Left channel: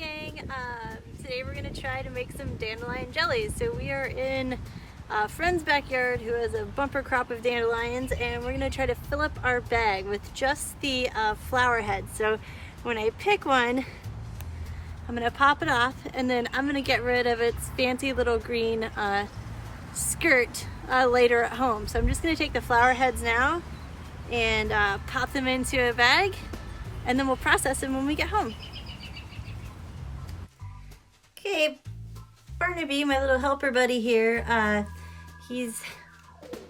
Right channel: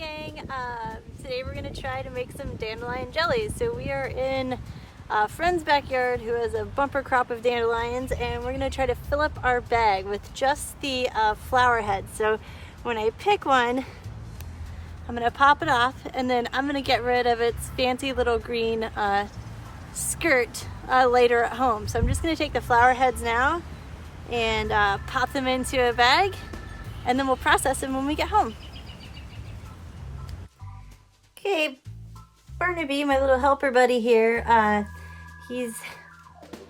gang, today we're going to try to make some dandelion jelly. So we are in a friend's backyard who has a bumper crop of dandelions, and we're going to try to fill up our bag with just the flower heads. So when I pick one, I'm going to pop it off, and then I'm going to get rid of its fancy little green skirt later at home. So I'm just going to take the flower heads now and pop them into a bag, and then we'll process them when we get home. Okay, Barnaby, my little helper buddy here, he's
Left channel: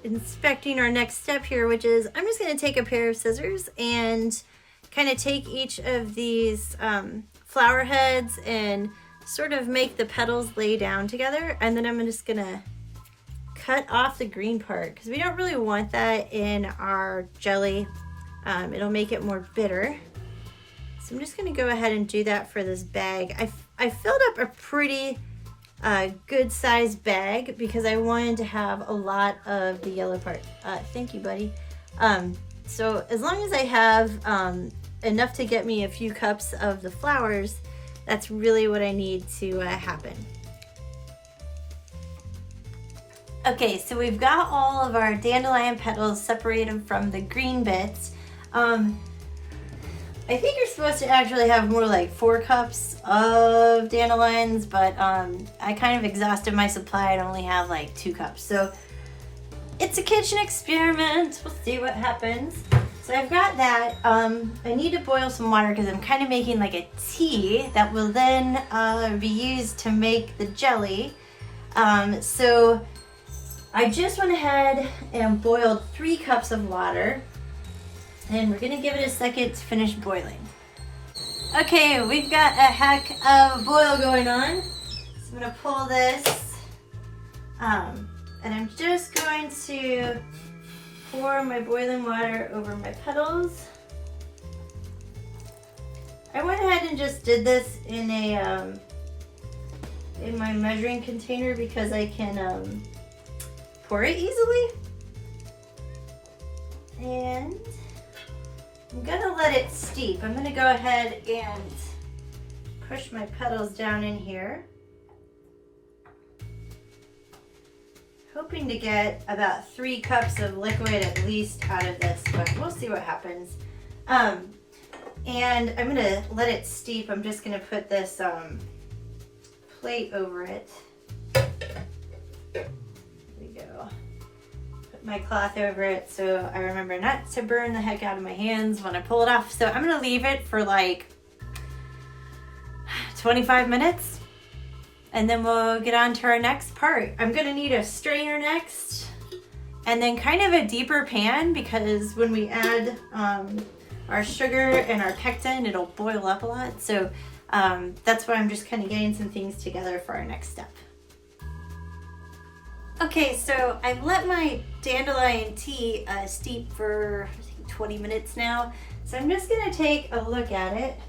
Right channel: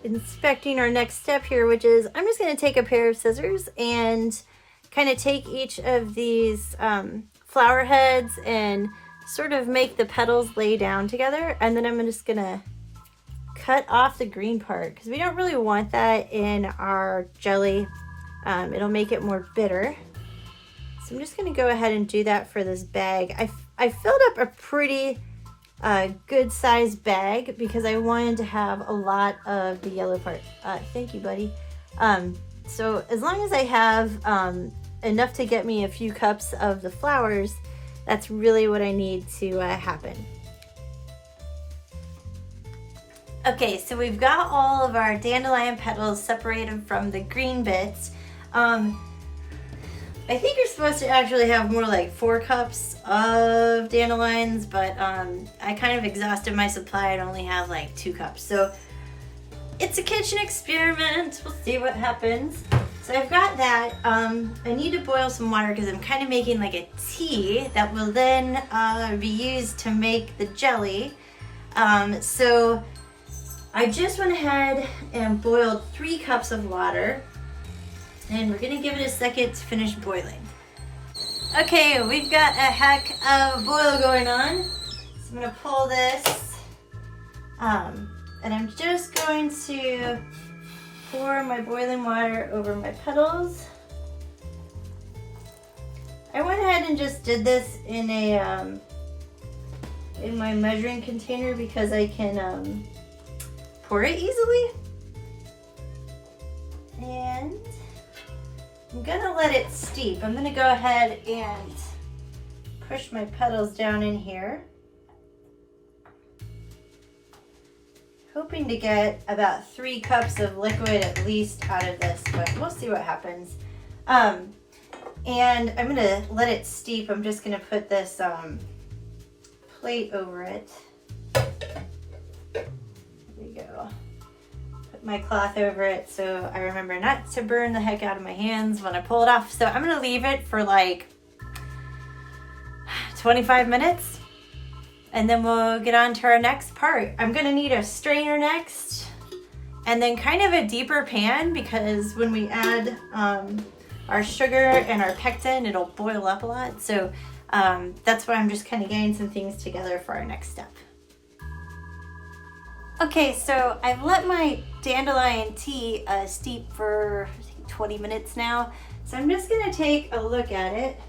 inspecting our next step here, which is I'm just going to take a pair of scissors and kind of take each of these flower heads and sort of make the petals lay down together, and then I'm just going to cut off the green part because we don't really want that in our jelly. It'll make it more bitter. So I'm just going to go ahead and do that for this bag. I filled up a pretty good sized bag because I wanted to have a lot of the yellow part. Thank you, buddy. So as long as I have enough to get me a few cups of the flowers, that's really what I need to happen. Okay, so we've got all of our dandelion petals separated from the green bits. I think you're supposed to actually have more like 4 cups of dandelions, but I kind of exhausted my supply and only have like 2 cups. So it's a kitchen experiment. We'll see what happens. So I've got that. I need to boil some water because I'm kind of making like a tea that will then be used to make the jelly. So I just went ahead and boiled 3 cups of water. And we're gonna give it a second to finish boiling. Okay, we've got a heck of boil going on. So I'm gonna pull this, and I'm just going to pour my boiling water over my petals. I went ahead and just did this in a in my measuring container because I can pour it easily. And I'm gonna let it steep. I'm gonna go ahead and push my petals down in here, hoping to get about 3 cups of liquid at least out of this, but we'll see what happens. And I'm gonna let it steep. I'm just gonna put this plate over it. There we go. My cloth over it so I remember not to burn the heck out of my hands when I pull it off. So I'm gonna leave it for like 25 minutes and then we'll get on to our next part. I'm gonna need a strainer next and then kind of a deeper pan because when we add our sugar and our pectin, it'll boil up a lot. So that's why I'm just kind of getting some things together for our next step. Okay, so I've let my dandelion tea steep for I think 20 minutes now. So I'm just gonna take a look at it.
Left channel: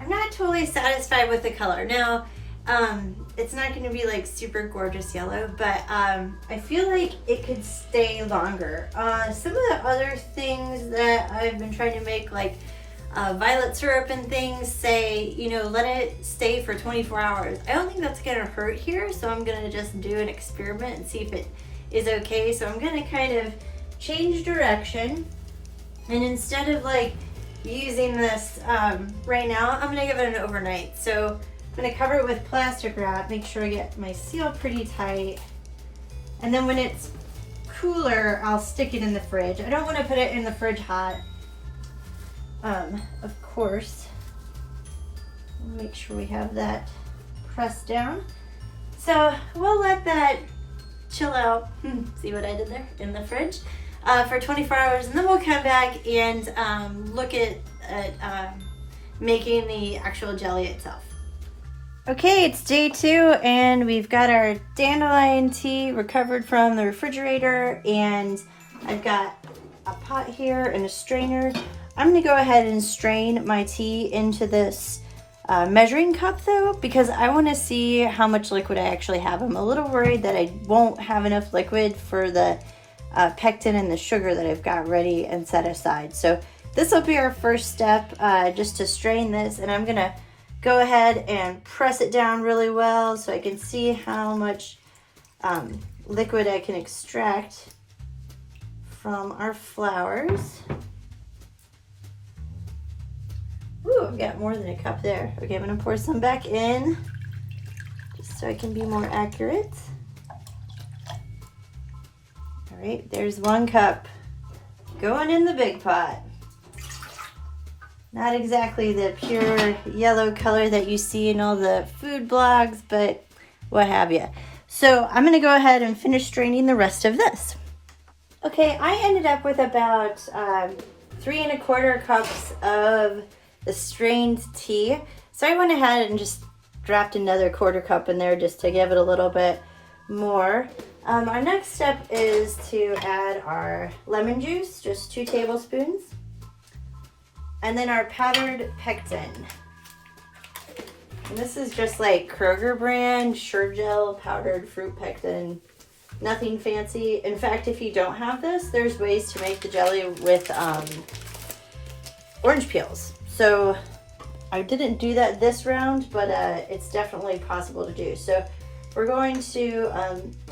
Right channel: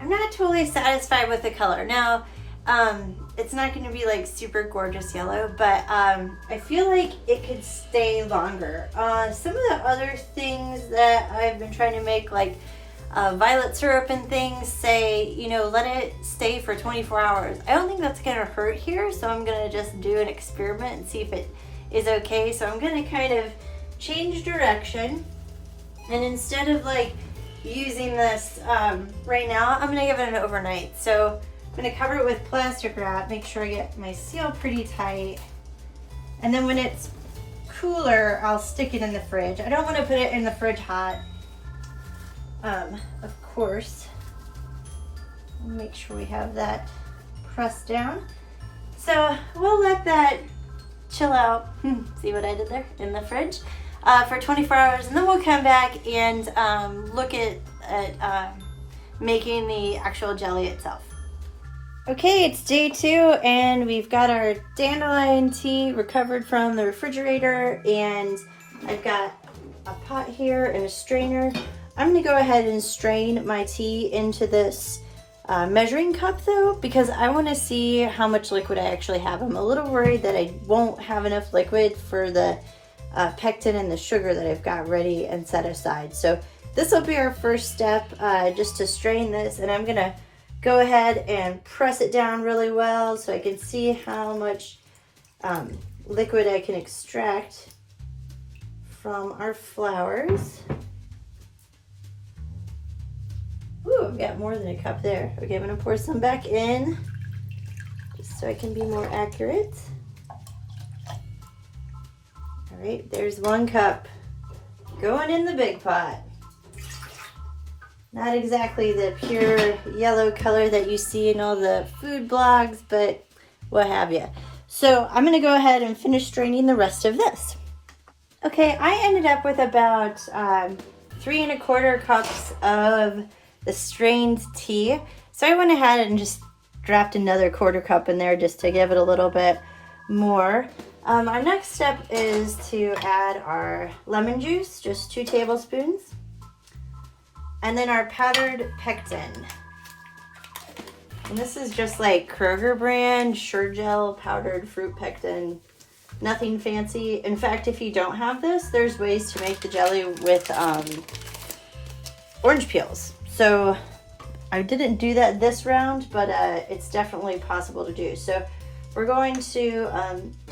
I'm not totally satisfied with the color. Now, it's not gonna be like super gorgeous yellow, but I feel like it could stay longer. Some of the other things that I've been trying to make, like violet syrup and things, say, you know, let it stay for 24 hours. I don't think that's gonna hurt here, so I'm gonna just do an experiment and see if it is okay. So I'm gonna kind of change direction, and instead of like using this right now, I'm gonna give it an overnight. So I'm gonna cover it with plastic wrap, make sure I get my seal pretty tight, and then when it's cooler, I'll stick it in the fridge. I don't wanna put it in the fridge hot. Of course, make sure we have that pressed down. So we'll let that chill out. See what I did there? In the fridge for 24 hours, and then we'll come back and look at making the actual jelly itself. Okay, it's day 2, and we've got our dandelion tea recovered from the refrigerator, and I've got a pot here and a strainer. I'm gonna go ahead and strain my tea into this measuring cup though, because I wanna see how much liquid I actually have. I'm a little worried that I won't have enough liquid for the pectin and the sugar that I've got ready and set aside. So this will be our first step, just to strain this, and I'm gonna go ahead and press it down really well so I can see how much liquid I can extract from our flowers. Ooh, I've got more than a cup there. Okay, I'm gonna pour some back in just so I can be more accurate. All right, there's 1 cup going in the big pot. Not exactly the pure yellow color that you see in all the food blogs, but what have you. So I'm gonna go ahead and finish straining the rest of this. Okay, I ended up with about 3 1/4 cups of the strained tea. So I went ahead and just dropped another 1/4 cup in there just to give it a little bit more. Our next step is to add our lemon juice, just 2 tablespoons. And then our powdered pectin. And this is just like Kroger brand, Sure Gel powdered fruit pectin. Nothing fancy. In fact, if you don't have this, there's ways to make the jelly with orange peels. So I didn't do that this round, but it's definitely possible to do. So we're going to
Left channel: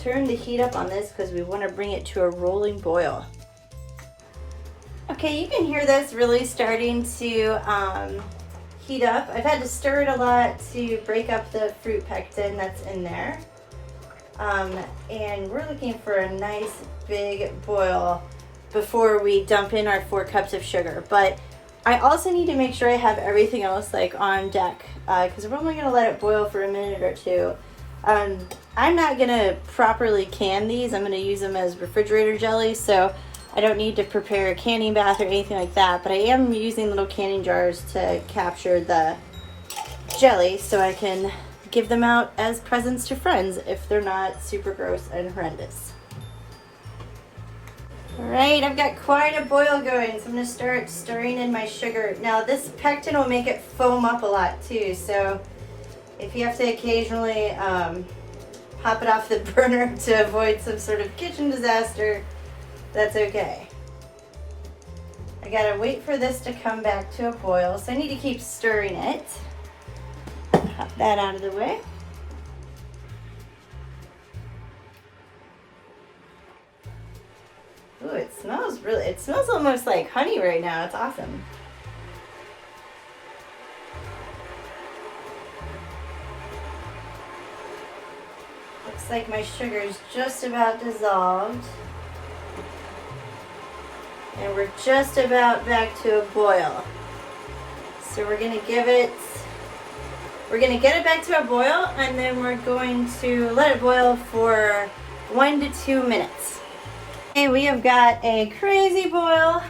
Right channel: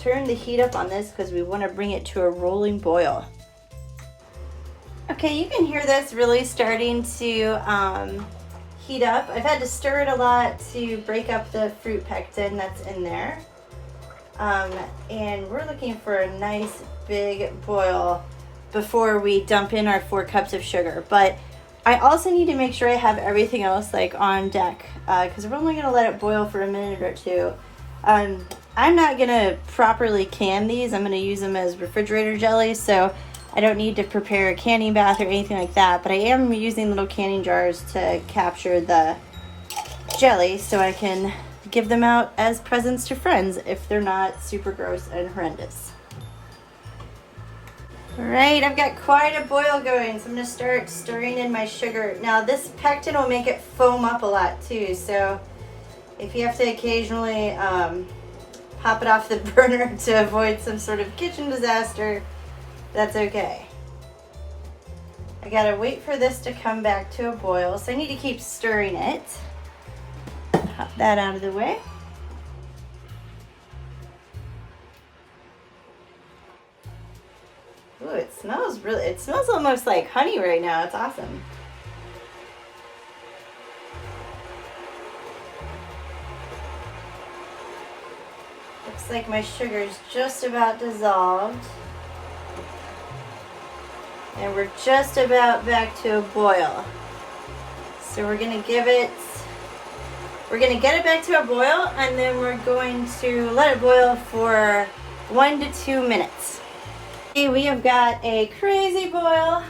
turn the heat up on this because we want to bring it to a rolling boil. Okay, you can hear this really starting to heat up. I've had to stir it a lot to break up the fruit pectin that's in there. And we're looking for a nice big boil before we dump in our 4 cups of sugar. But I also need to make sure I have everything else like on deck because we're only gonna let it boil for a minute or 2. I'm not gonna properly can these. I'm gonna use them as refrigerator jelly, so I don't need to prepare a canning bath or anything like that, but I am using little canning jars to capture the jelly so I can give them out as presents to friends if they're not super gross and horrendous. All right, I've got quite a boil going, so I'm gonna start stirring in my sugar. Now this pectin will make it foam up a lot too, so if you have to occasionally pop it off the burner to avoid some sort of kitchen disaster, that's okay. I gotta wait for this to come back to a boil, so I need to keep stirring it. Pop that out of the way. Ooh, it smells almost like honey right now. It's awesome. Looks like my sugar is just about dissolved. And we're just about back to a boil. So we're gonna get it back to a boil, and then we're going to let it boil for 1 to 2 minutes. Okay, we have got a crazy boil.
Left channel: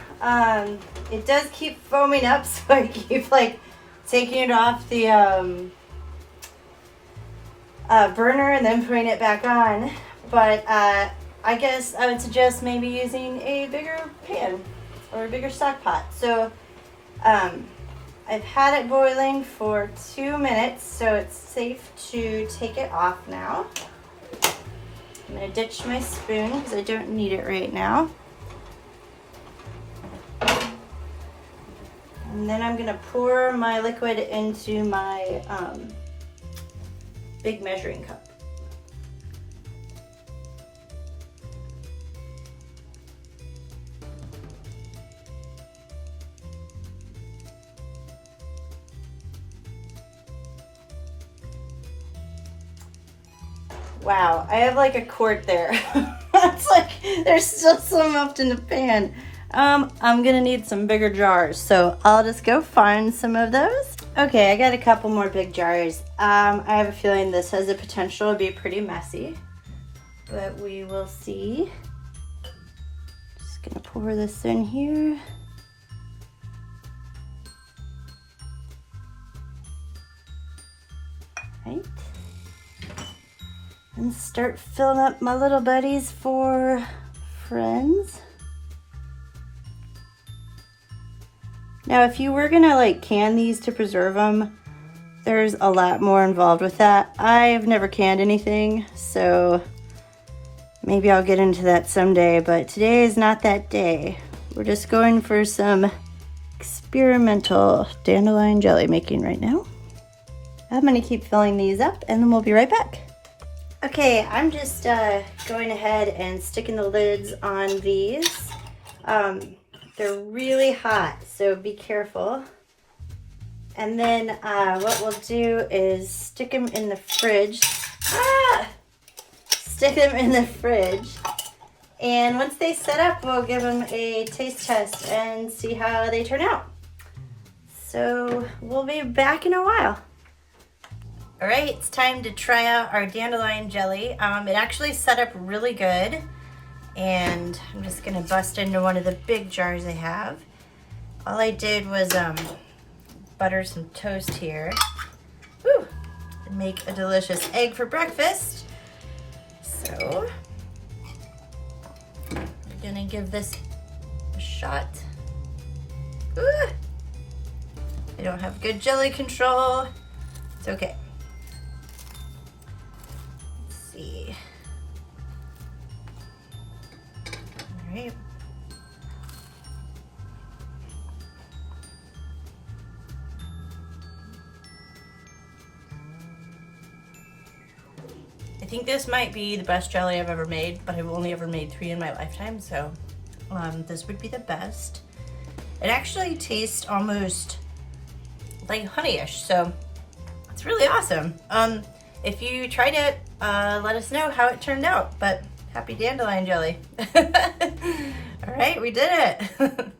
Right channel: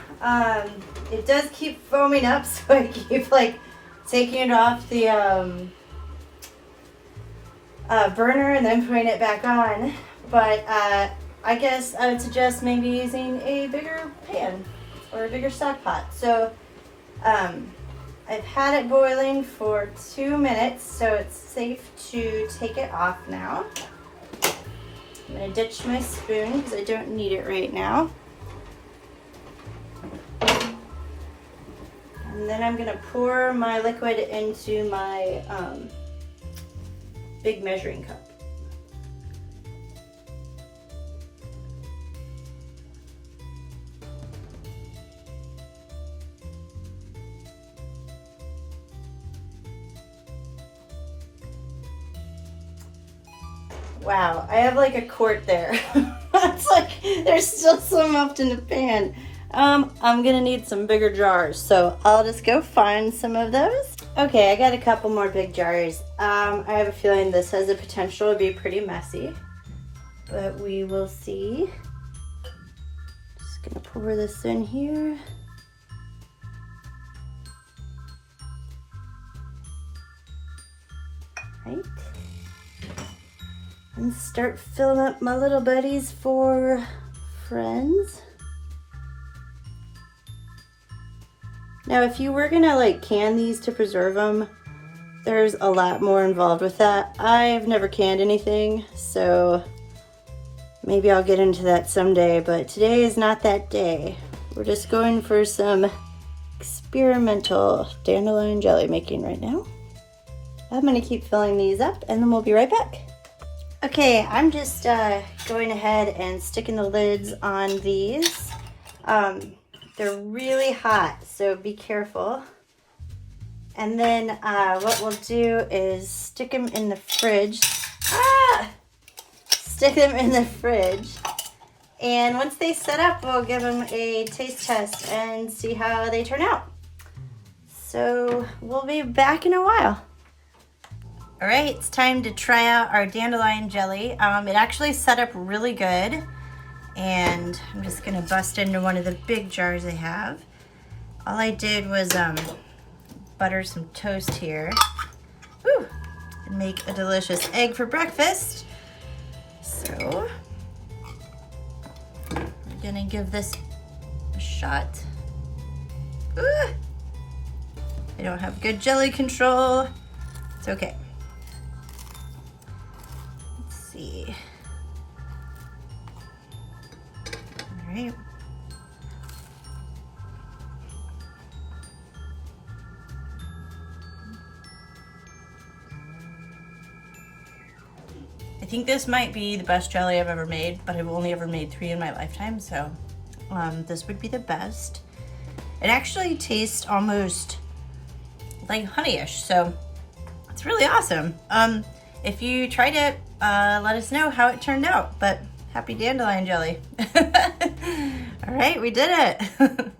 It does keep foaming up, so I keep like taking it off the burner and then putting it back on. But I guess I would suggest maybe using a bigger pan or a bigger stock pot. So I've had it boiling for 2 minutes, so it's safe to take it off now. I'm gonna ditch my spoon because I don't need it right now. And then I'm gonna pour my liquid into my big measuring cup. Wow, I have like a quart there. That's like, there's still some left in the pan. I'm gonna need some bigger jars, so I'll just go find some of those. Okay, I got a couple more big jars. I have a feeling this has the potential to be pretty messy, but we will see. Just gonna pour this in here. Right. And start filling up my little buddies for friends. Now, if you were gonna like can these to preserve them, there's a lot more involved with that. I've never canned anything, so maybe I'll get into that someday, but today is not that day. We're just going for some experimental dandelion jelly making right now. I'm gonna keep filling these up and then we'll be right back. Okay, I'm just going ahead and sticking the lids on these. They're really hot, so be careful. And then what we'll do is stick them in the fridge. Stick them in the fridge. And once they set up, we'll give them a taste test and see how they turn out. So we'll be back in a while. All right, it's time to try out our dandelion jelly. It actually set up really good. And I'm just gonna bust into one of the big jars I have. All I did was butter some toast here. Woo! And make a delicious egg for breakfast. So, we're gonna give this a shot. Ooh! I don't have good jelly control. It's okay. Let's see. All right. I think this might be the best jelly I've ever made, but I've only ever made 3 in my lifetime, so this would be the best. It actually tastes almost like honey-ish, so it's really awesome. If you tried it, let us know how it turned out, but happy dandelion jelly. All right, we did it.